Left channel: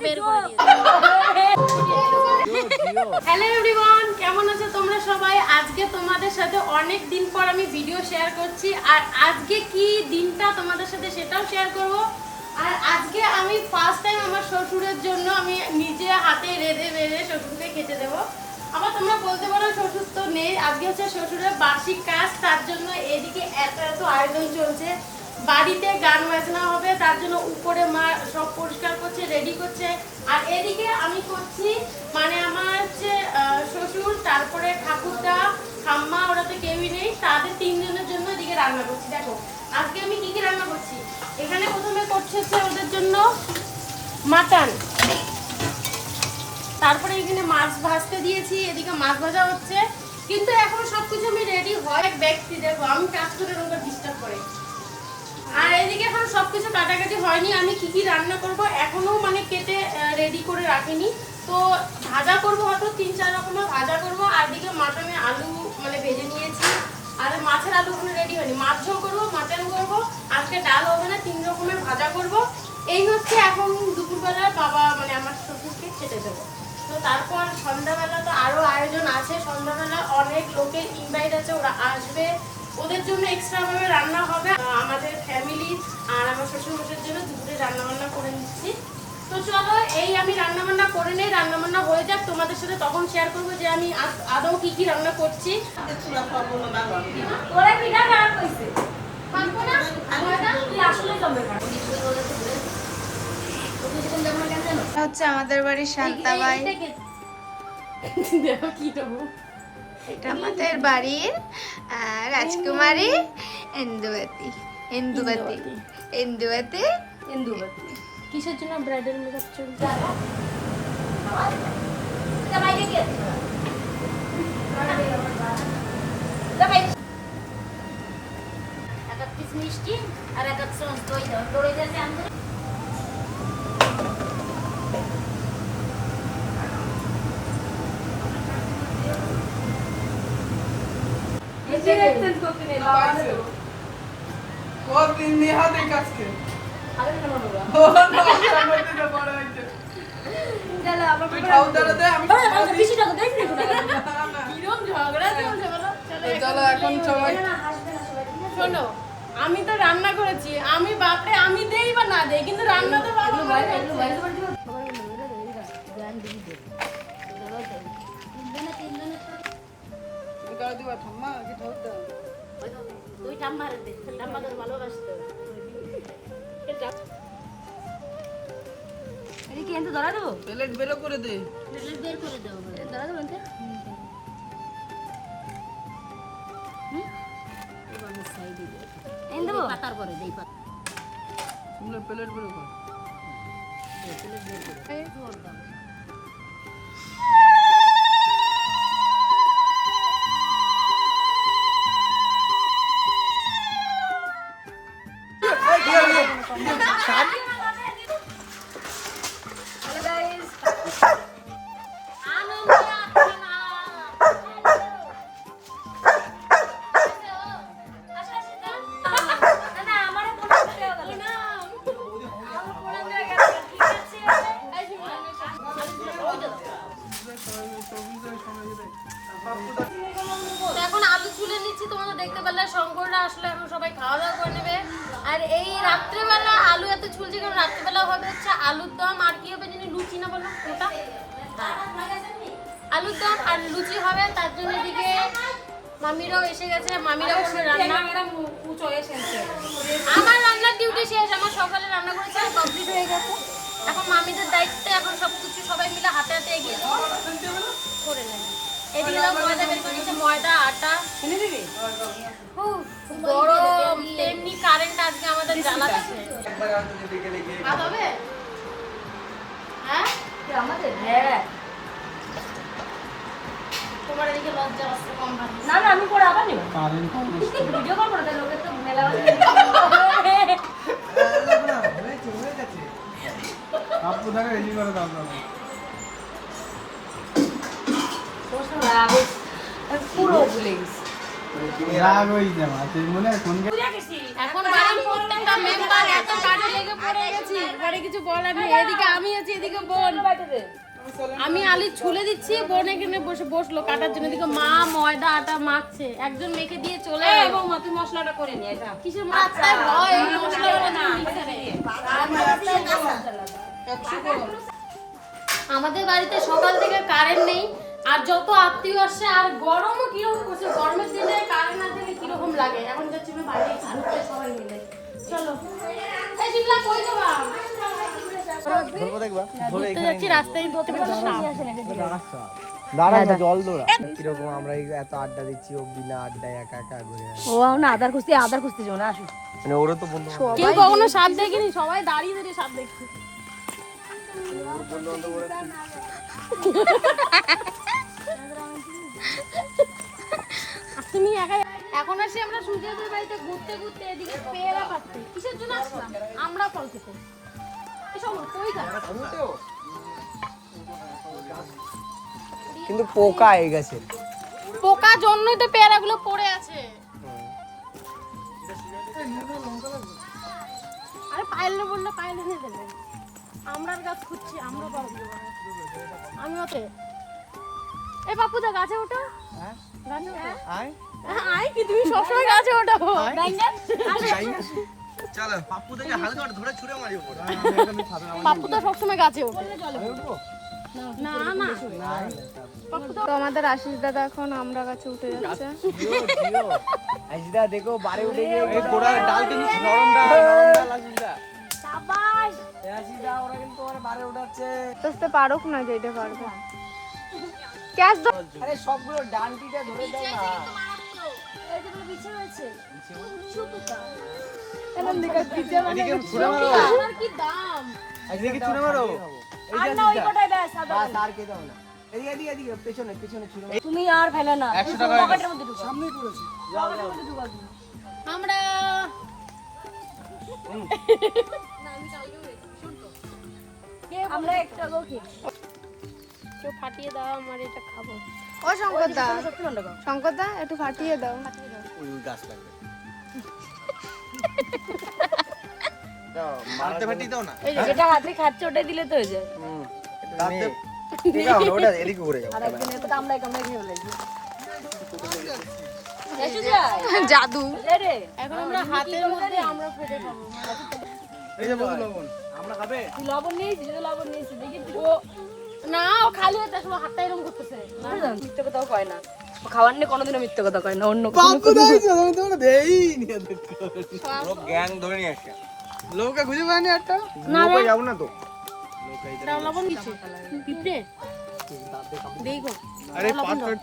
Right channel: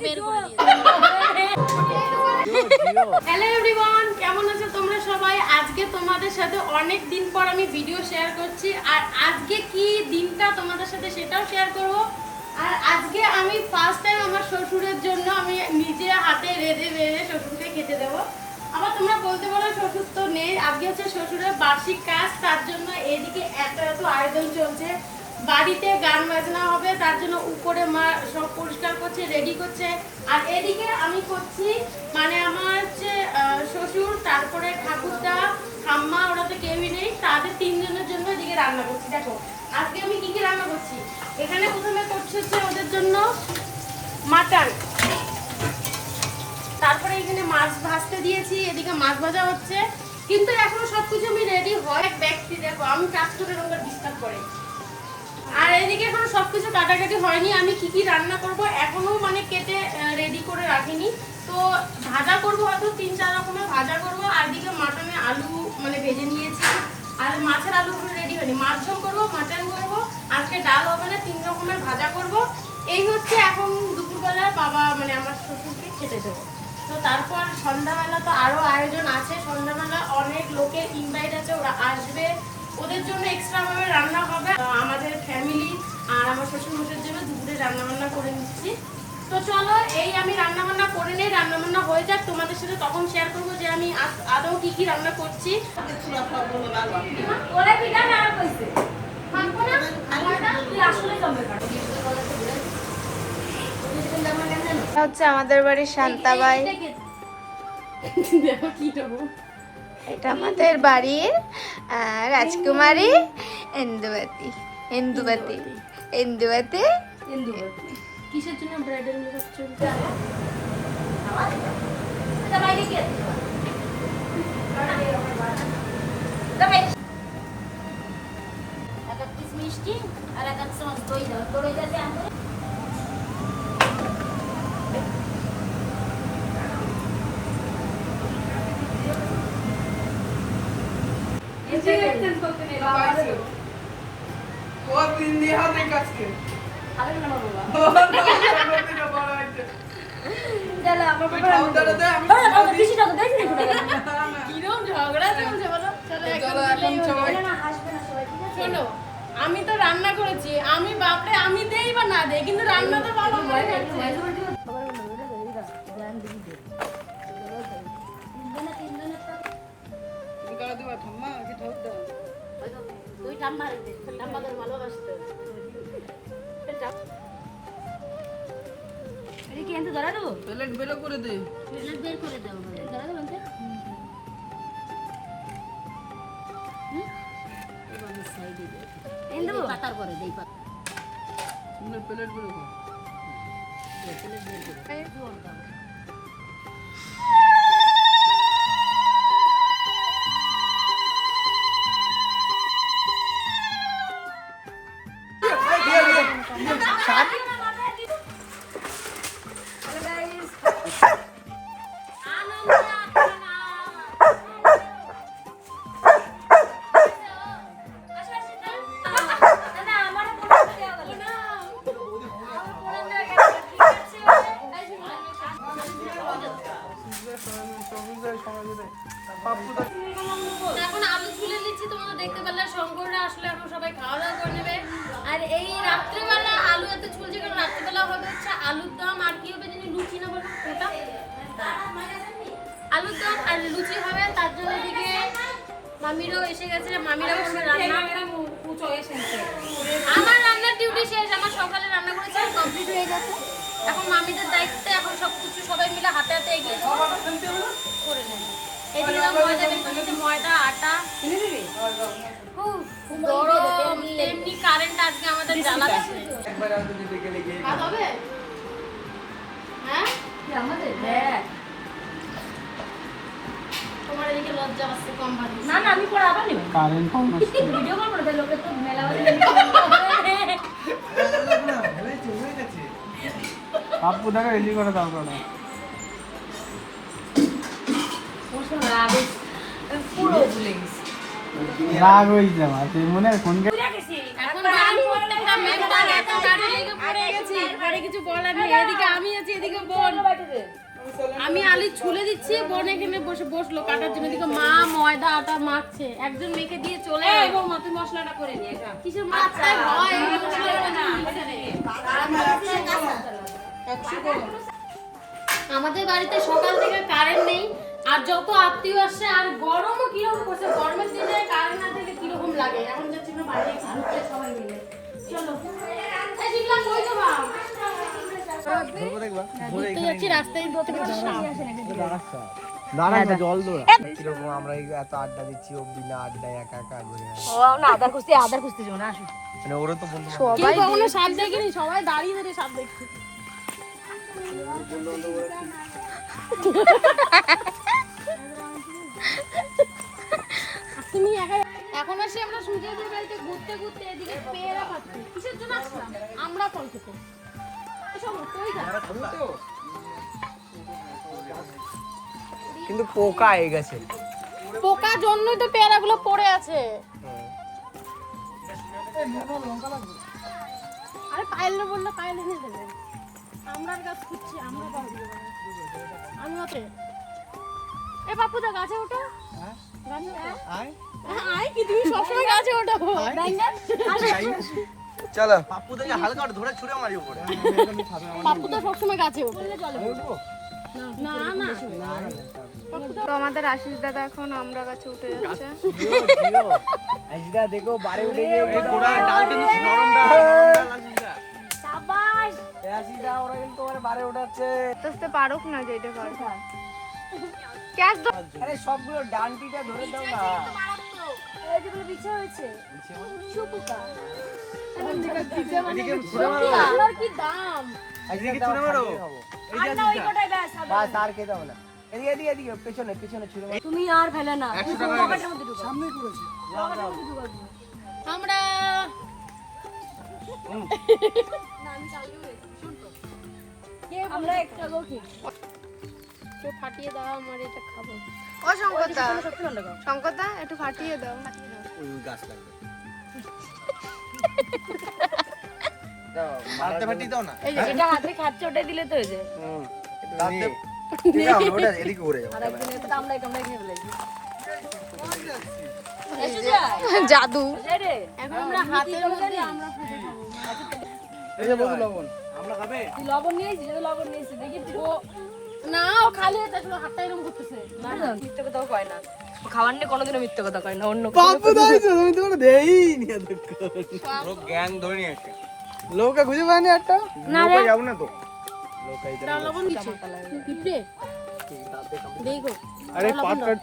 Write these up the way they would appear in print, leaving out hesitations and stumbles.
ওকে বের করে hello everyone, কেমন আছো তোমরা সবাই? আজকে তোমাদের সাথে অনেক দিন পর আমি ভিডিও শেয়ার করছি। আর আজকে কি দিনটা তোমাদের সাথে সেটাও শেয়ার করব। আর আজকে আমি ফার্স্ট টাইম আমার শ্বশুরের জন্য আমি নিজে হাতে রেঁধে বেড়ে শ্বশুরকে খেতে দেবো। আবার তোমরা বলতে পারো শ্বশুর তো নেই, আজকে হচ্ছে শ্বশুরের বার্ষিক কাজ, তার জন্য এদিকে এত আয়োজন চলছে। বাড়িতে গান বাজনা হবে, তার জন্য উপরে মা সব পরিষ্কার করছে, রেডি করছে। আর এদিকে আমি করছি, মানে আমার হচ্ছে শ্বশুর, তারপরে ঠাকুরদা, ঠাম্মা, ওরা তো কেউই নেই, তাদের তিনজনের জন্য এদিকে রান্না করছি। দেখো আজকে আমি কি কি রান্না করছি। এখানে প্রথমে করছে হচ্ছে ওদের জন্য মাটন, তারপরে এখানে মাছ ভাজতে দিয়েছি, এদিকে মাছ ভাজা হচ্ছে। কিন্তু এখনো সবকিছু আমি রেডি হয় ব্যক্তি, দেখো আমি কাজ করে ওরা ডিস্টার্ব করে। আর এদিকে এখনো সবকিছু কাটাকাটি হয়নি, আমি কি কি রান্না করব এখনো মানে কেটে রেডি করে রাখিনি। তো ভাজা করব, হয়তো 3-4 রকমের ভাজা করব। আর দিকে মাটনে আলু মানে ভেজে নিয়েছি, আর মাছের আলু কোনো রেডি হয়নি। মাছ ঝোল করবো, মাটন করবো, আজকে ডাল হবে না, 3 রকমের ভাজা করব। এই হচ্ছে এখন দুপুরবেলা বাবা মানে আমার শ্বশুরকে খেতে দেবো। তো তারপর সন্ধ্যাবেলা তো আরও আয়োজন আছে। সন্ধ্যাবেলা অনেক লোকের ইনভাইট আছে, ওরা আসবে, ওদের জন্য এক্সট্রা ভাবে রান্না হবে। আমাদের ফ্যামিলি আর আমার শ্বশুরমশাইয়ের জন্য দুপুরে রান্নাবান্না করে নিচ্ছি। তো চলো এই আমি রান্নাবান্না করে নেই, রান্নাবান্না হয়ে যাক, তোমাদের সাথে তখন শেয়ার করবো যে আমি আদৌ কি কি রান্না করছি। হচ্ছে আমাদের বাড়ির শান্তাবাই, দেখো কি দেবো। এটা আমাদের বাড়ির রাজকুমারী ইন্দুবতী। ইন্দুবতী ইন্দুবতী ইন্দুবতী কিসের জন্য ব্রাইডাল মেকআপ চলছে? মিষ্টি আর এক দই দাও, দই দিতে আমরা শোনো, আমি তো রান্না করেছি, আমি বাপরে আমি দেই বা না দেই, কিন্তু রান্না তো বাবা ধরা দেবো, প্লেট বের করে দে, প্লেট বের করে দেবো, ধরা দেবো সাইডে দেবো, পাতার করে দেই, প্লেট বের করে প্লেট বের করে এখন আলু ছুলে নিচ্ছি। তোমরা দেখতে পেলে শঙ্কররা আসলে এখন সবাই খাওয়া দাওয়া করে নেবে। আর এই রাত্রেবেলা আলু এত ছুলছি কারণ রাত্রেবেলা হবে হচ্ছে আলুর দম, আর কি হবে জানি লুচি না বলো ওটা, আলুর দম আর লুচি হবে। তার জন্য এদিকে মামিরাও এসে গেছে, মামিরাও আমার রান্নার ডিউটি শেষ, আমার সকালে রান্না করেছি কমপ্লিট হয়ে গেছে। এখন মামিদের দায়িত্বে এখন সবকিছু সবাই মিলে হাতে হাতে এগিয়ে করে নেবে। এদিকে ময়দা বের করেছে, ময়দা আটা গরম, তেমনি কারেন্ট আজকে আমাদের জ্বালাচ্ছে। হ্যাঁ তোমার এদিকে লজ্জা আসছে কম ভালো না, না আমি পরে আবার নেব ভিডিও কল করে লোকের তো মেলা আপু দেখো রেডি করে দাও বাবা, পুরো ভুলে গেছি। রাগ হয়েছে আমার সেই মনে হয় ফোন এখন বাড়ির প্রত্যেকটা মেম্বার এত কাজে লেগে পড়ে গেছি, পরে কিছু বলার নেই। এদিকে আমি আছি, এদিকে বোন। আমি আলু ছুলে দিচ্ছি, বোন এখানে বসে বসলো কাটার জন্য। এদিকে মা ময়দা আটা মাখছে, একজন মেখে দিয়ে চলে এবং তুই মশলাটা করে নিয়ে যা। কিসের মাছটা হয় এই মশলাটা না আমাদের বাড়িতে সকাল থেকে কারেন্ট নেই, আর যত আত্মীয় আসছে, আর গরমও কিরকম করছে। গরমের দিনে কারেন্ট না থেকে কিরকম লাগে। এখন যাচ্ছি আমরা বাইরে ঘুরতে সবাই মিলে। চলো এই শিখলা কই যাবা? ঘুরতে যাচ্ছি, রাস্তায় ধরতে পারছি সাপ। দাঁড়া জল দৌড়া কিরকম আমরা এত আড্ডা দিচ্ছি ও বিনা আড্ডায় একা একা ঘুরে ও না আদার খুঁজতে যাও না আসো। মানে ওরা তো বন্ধু কেউ কখনো সাপ দেখিনি, সবাই দাঁড়িয়ে দাঁড়িয়ে সাপ দেখছে। তুমি একা এখন আসি আমরা সূর্যের বাড়িতে ঘুরতে ঘুরতে এদিকে পেয়ারা পাচ্ছি। কিসের জন্য আসলাম? আমরা ফল খেতে। এসব তুই খা। কিন্তু পোকা হয়ে গেছে পোকা জন্যই তো পেয়ারাগুলো পড়ে আছে। আরে পাইলে বললো পাইলে নিয়ে দেবে। আমরা গাছ খুঁজছি, আমরা পাবো। আমি ওতে এ বাপু দা গাছে ওঠো। হ্যাঁ গাছে আয় আয় কি তুমি সবসময় গাছে ওঠো? চলো পাপ্পু দাকে হালকা ধরে ছুঁড়ে মারি উপর বাপু দা সবসময় গাছে ওঠে। না না তো আমাদের আশিস দাদা এখন আমরা কাছে উঠে যাচ্ছে। আইসদা দেখো বারে উঠে গিয়ে গোড়ার ডালটি নরম ডাল সাবাস। আইসদা ওরা কিন্তু ওরে বারে উঠাচ্ছে বুঝতে পারুক না যে এটা পারবো ক্যাচ দাও। আরে সবগুলো ডালটিটা ধরে দাও না এই যে বিছে হয়েছে সুপুকা। এদিকে ছুঁড়ে মারো আমার কি দাম? এদিকে ছুঁড়ে মারো এই যে ওই কোটায় দেয় সাদা। বাস আর কে দাও না এদিকে এদিকে এদিকে পেছনে পেছনে ছুঁড়ে মারো তুমি আর ফেলে না 100 টাকা সামনেই পড়েছে আমরা আমরা একটা লোকে কেউ ফাটিয়ে দাও, আমার এটা খাবো। ও শঙ্করদা, শঙ্করদা একটু ফাটিয়ে দাও। গাছ লাগবে মারতে ফাটি দাও না এই যে যেটা হাতে খাচ্ছে ওটাই দিলে তো হয়ে যায়। দাঁতে ঠিক আছে ওটা এদিকে ঘুরে যাও আর একদিন এটা কামড়ায় কামড়ায় খেয়ে ফেলে। এসে যা জাদু। রে এখন আমরা হাতের মধ্যে আমরা ফেটে খাবো। এই যে বন্ধু লবণ আমরা খাবে তুই লবণ নিয়েছিস যদি লবণ নিয়েছিস দেখি ও না, ও খালি হাতে আসলে হাতটা এরকম করতেছে। না না মিথ্যে কথাও কয় না। ও খাওয়ার নিয়ে কোনোদিনও মিথ্যে কথা কয় না। অন্য বাপু ধরেছে আমি তো দেইনি লোক গ্যাং ধরে নিয়ে একটা লোকে খুঁজে পায়নি একটা না রে। লোকে যাবো না তো এটা লবণ কিছু পিঁপড়ে দেখো। আরে পাট কাট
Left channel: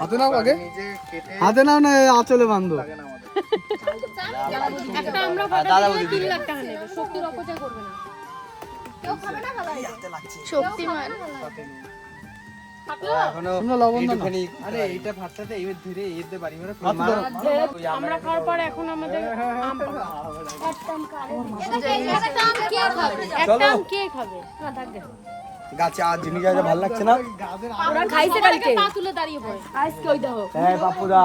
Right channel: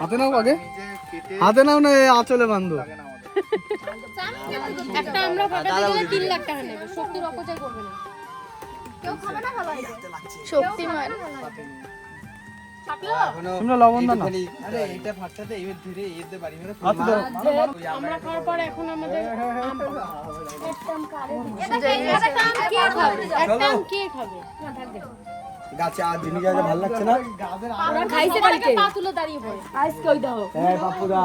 হাতে নাও আগে হাতে নাও না আঁচলে বাঁধো একটা আমরা ফাটাতে গেলে 3 লাখ টাকা নেবে। শক্তির অপচয় করবে না। কেউ খাবে না খাবে? শক্তিমান। থাকলো? তোমরা লবণ দাও না আরে এইটা ফাটতে এবার ধীরে এতে বাড়ি মেরে আমরা খাওয়ার পর এখন আমাদের আম পাবো। একটা আম কে খাবে? একটা আম কে খাবে? না থাকবে। গাছে আজ জিনিস গাছে ভালো লাগছে না ওরা খাইছে কালকে। পা তুলে দাঁড়িয়ে পড়ে। আজকে ওই দাও হ্যাঁ বাপুদা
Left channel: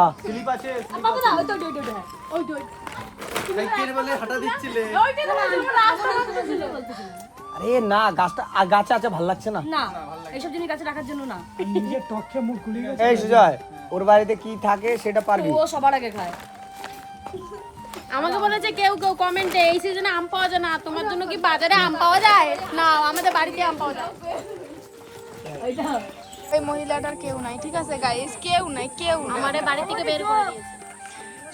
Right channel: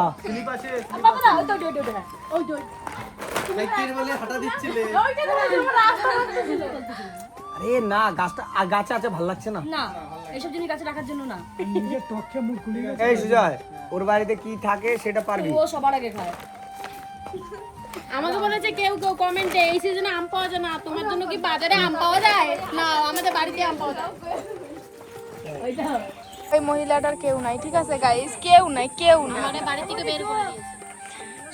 বাবু দাও ওই তো ওই তো ওই তো সাইকেল বলে হাঁটা দিচ্ছিলে ওইটা তো রাস্তা ছিল। আরে না গাছটা গাছে আছে ভালো লাগছে না না এইসব জিনিস কাছে রাখার জন্য না। এই সুজয় ওর বাড়িতে কি থাকে সেটা পারবি ও সবার আগে খায়। আমাকে বলেছে কেউ কেউ কমেন্টে এই সিজনে আম পাওয়া যায় না, তোমার জন্য কি বাজারে আম পাওয়া যায়? না, আমাদের বাড়িতে আম পাওয়া যায়। ওইটা ওই মহিলাটার কেউ নাই, ঠিক আছে গাইস, কেউ নাই, কেউ নাই। আমাদের বাড়ি থেকে বের করে দিয়েছে।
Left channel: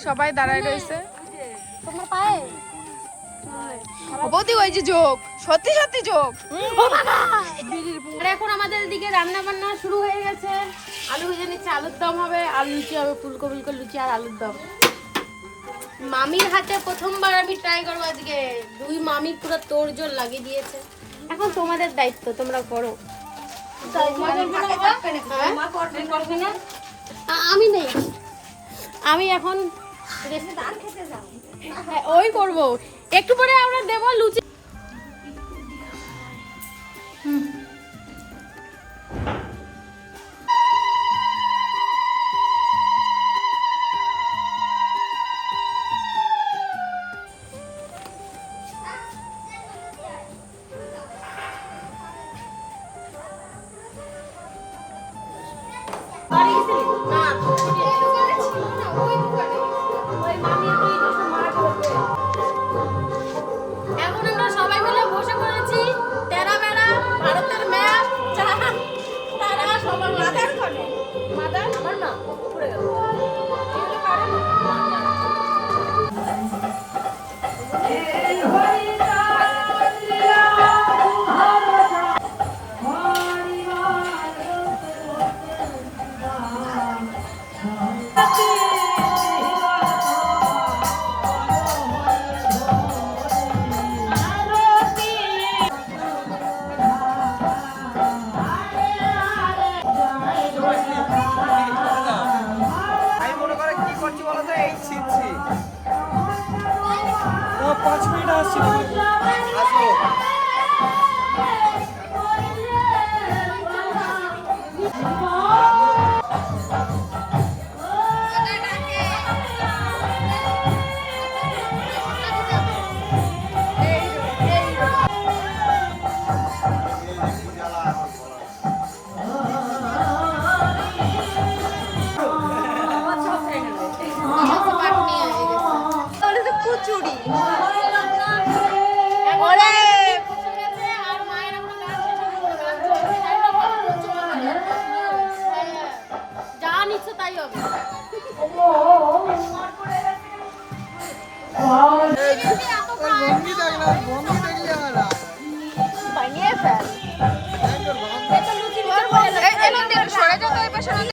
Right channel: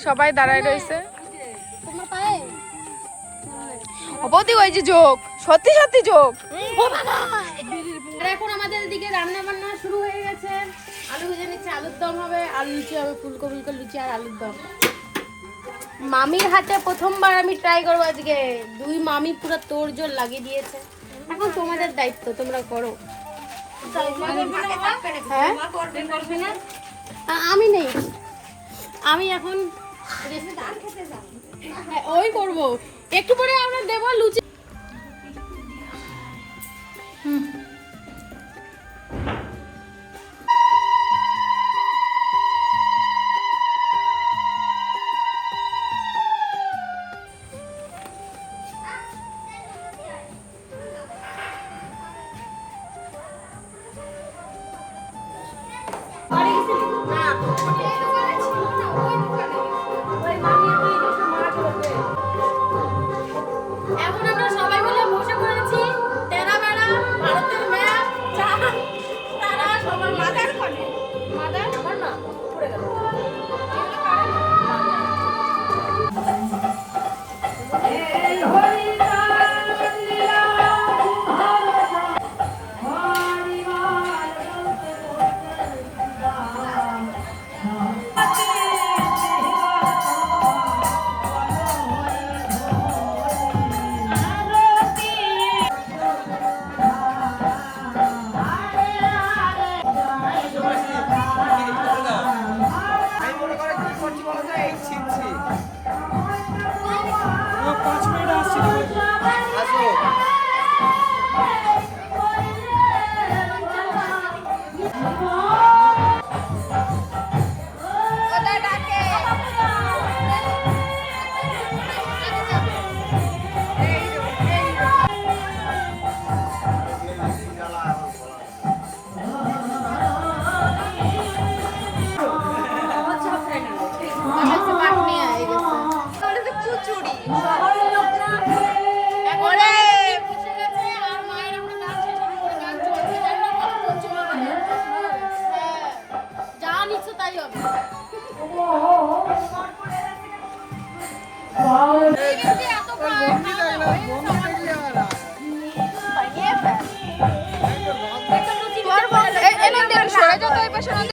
সবাই দাঁড়ায় রয়েছে। তোমার পায়ে অবধি ওই যে যোগ, সত্যি সত্যি যোগ। ও বাবা! আর এখন আমাদের দিকে রান্না বান্না শুরু হয়ে গেছে। আলু ভেজে নিচ্ছে, আলুর দম হবে, আলু লুচি হবে, ফুলকপি লুচি আর আলুর দম। মামির হাতে প্রথমবার আমি ট্রাই করবো আজকে। 2 মামি পুরো তোড়জোড় লাগিয়ে দিয়েছে। এখন তোমাদের দায়িত্ব, তোমরা করো। আমি নেই, আমি এখন হ্যাঁ, ওই করবো একটু পরে আমরা দেবো লুচি। এখন আমরা সবাই মিলে বসে পড়েছি তেরা বেড়া ভারতের ম্যাপ চা তারা সবার মাথার কোণে মাদার আমার না পড়ে গেল। আমি মনে করে কি করছি বলো তো, এই ছিটছি। 5 মিনিট আসছি। আসো। এখন বসে গেছে আর মায়ের আমরা গান শেষ করে গান চলছে জানি না কত হচ্ছে যা নিচ্ছে তাই হবে এত সরে যেতে ওই পাশে